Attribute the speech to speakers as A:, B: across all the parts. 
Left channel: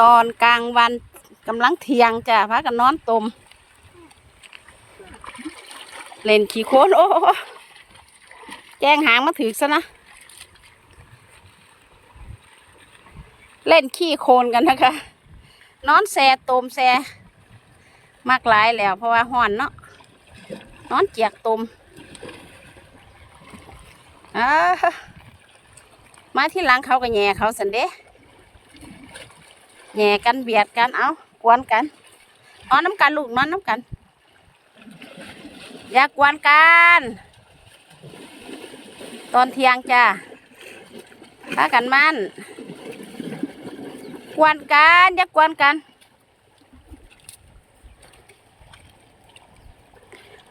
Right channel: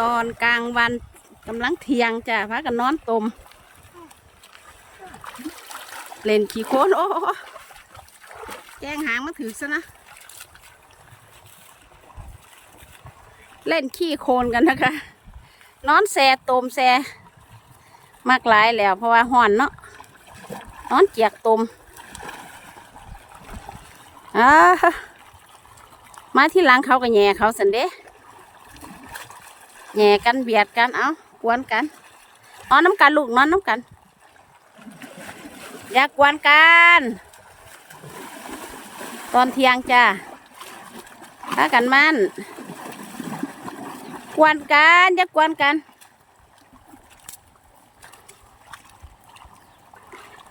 A: ตอนกลางวันกำลังเที่ยงจ้ะพากันนอนตม เล่นขี่โคนโอ้แจ้งหางมาถือซะนะ เล่นขี้โคนกันนะคะ นอนแซตมแซมากหลายแล้วเพราะว่าห่อนเนาะนอนเจียกตมอ่ามาที่หลังเขาก็แย่เขาสันเด้ แหย่กันเบียดกัน เอากวนกันนอนน้ำกันลูกนอนน้ำกัน อย่ากวนกัน ตอนเที่ยงจ้าถ้ากันมันกวนกันอย่ากวนกัน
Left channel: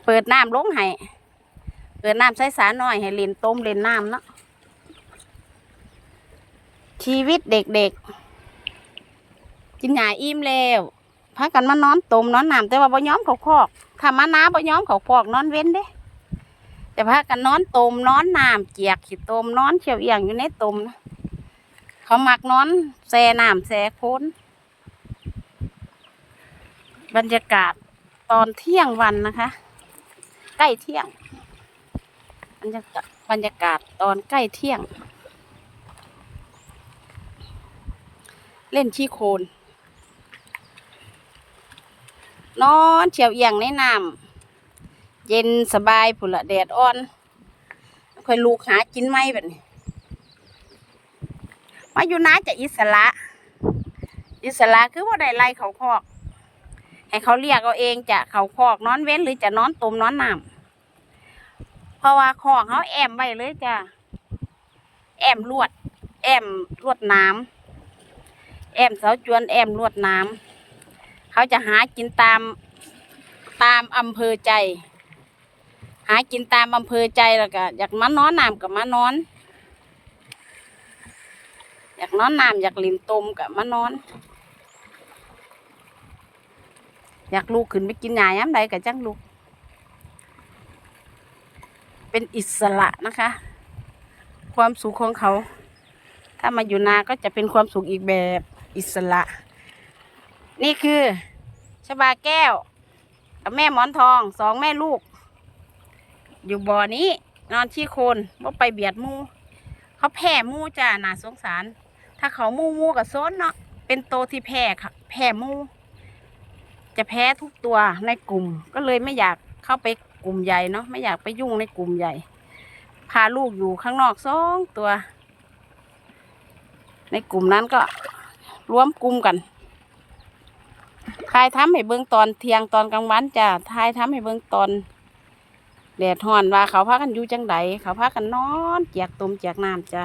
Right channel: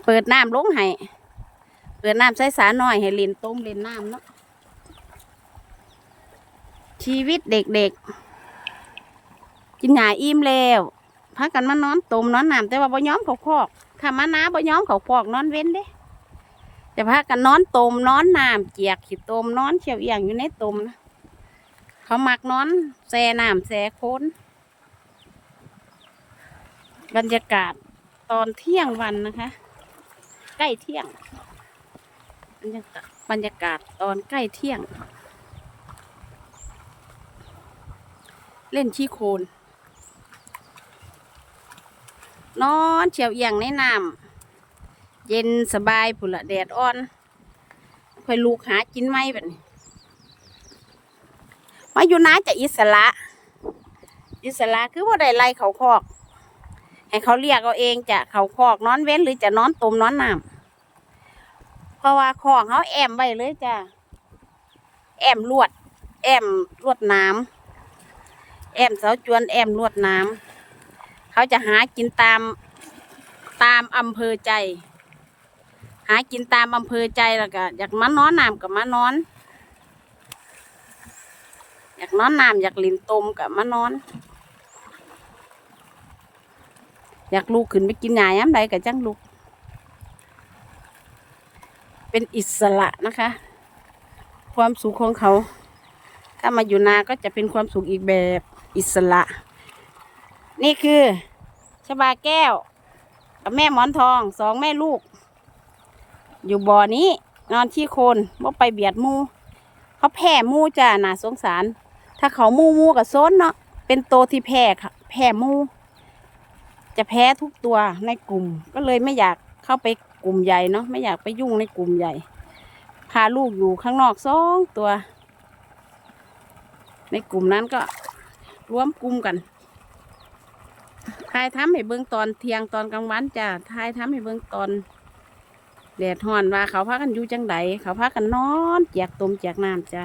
A: เปิดน้ำลงให้ เปิดน้ำใส่สาหน่อยให้เล่นต้มเล่นน้ำเนาะชีวิตเด็กๆ กินหยาอิ่มแล้วพากันมานอนตมนอนน้ำแต่ว่าบ่ย้อมเขาคอกถ้ามาน้าบ่ย้อมเขาคอกนอนเว้นเด้ แต่พากันนอนตมนอนน้ำเจียกขี้ตมนอนเฉียวเอียงอยู่ในตมนะเขามักนอนแซ่น้ำแซ่โคนบรรยากาศตอนเที่ยงวันนะคะ ใกล้เที่ยงบรรยากาศบรรยากาศตอนใกล้เที่ยง เล่นขี้โคลน นอนเฉียวเอียงในน้ำเย็นสบายผุละแดดอ่อนค่อยลูกหากินไหมแบบนี้มาอยู่น้าจะอิสระ อิสระคือว่าได้ไล่เขาคอก ให้เขาเรียกเอาเองจะเขาคอกนอนเว้นหรือจะนอนตมนอนน้ำเพราะว่าคอกเขาแอมไว้เลยจ้ะแอมลวด แอมลวดน้ำแอมเสาจวนแอมลวดน้ำ เขาจะหากินตามตามอำเภอใจ หากินตามอำเภอใจแล้วก็อยากมานอนน้ำกับมานอน อยากนอนน้ำอยากลินตมกับมานอน อยากลูกขึ้นไปกินหญ้าย้ำใดกับจังลูก เป็นอิสระนะคะ ความสุขของเขา ถ้ามาอยู่นาก็จะเป็นความสุขอีกแบบอิสระ นี่คือ บาแก้ว กับแม่หมอนทองสองแม่ลูก อยู่บ่อนี้ นอนที่โคนว่าไปเบียดมู เขาแผ่มูจ้าน่าสงสาร ถ้าเขามูมูกับโซนเนาะเป็นโตที่แผ่ค่ะแผ่มู จะแพ้ทุกตัวในกลุ่ม ก็เลยไม่อยากเข้าไปกลุ่มใหญ่เนาะไม่อยากไปยุ่งในกลุ่มใหญ่ พาลูกอยู่ข้างนอกสองตัว ในกลุ่มนั้นก็รวมกลุ่มกัน ทายทำให้เบิ่งตอนเที่ยงตอนกลางวันจ้ะทายทำให้เบิ่งตอน แดดห่อนว่าเขาพากันอยู่จังไดเขาพากันนอนเจียกตมเจียกน้ำจ้ะ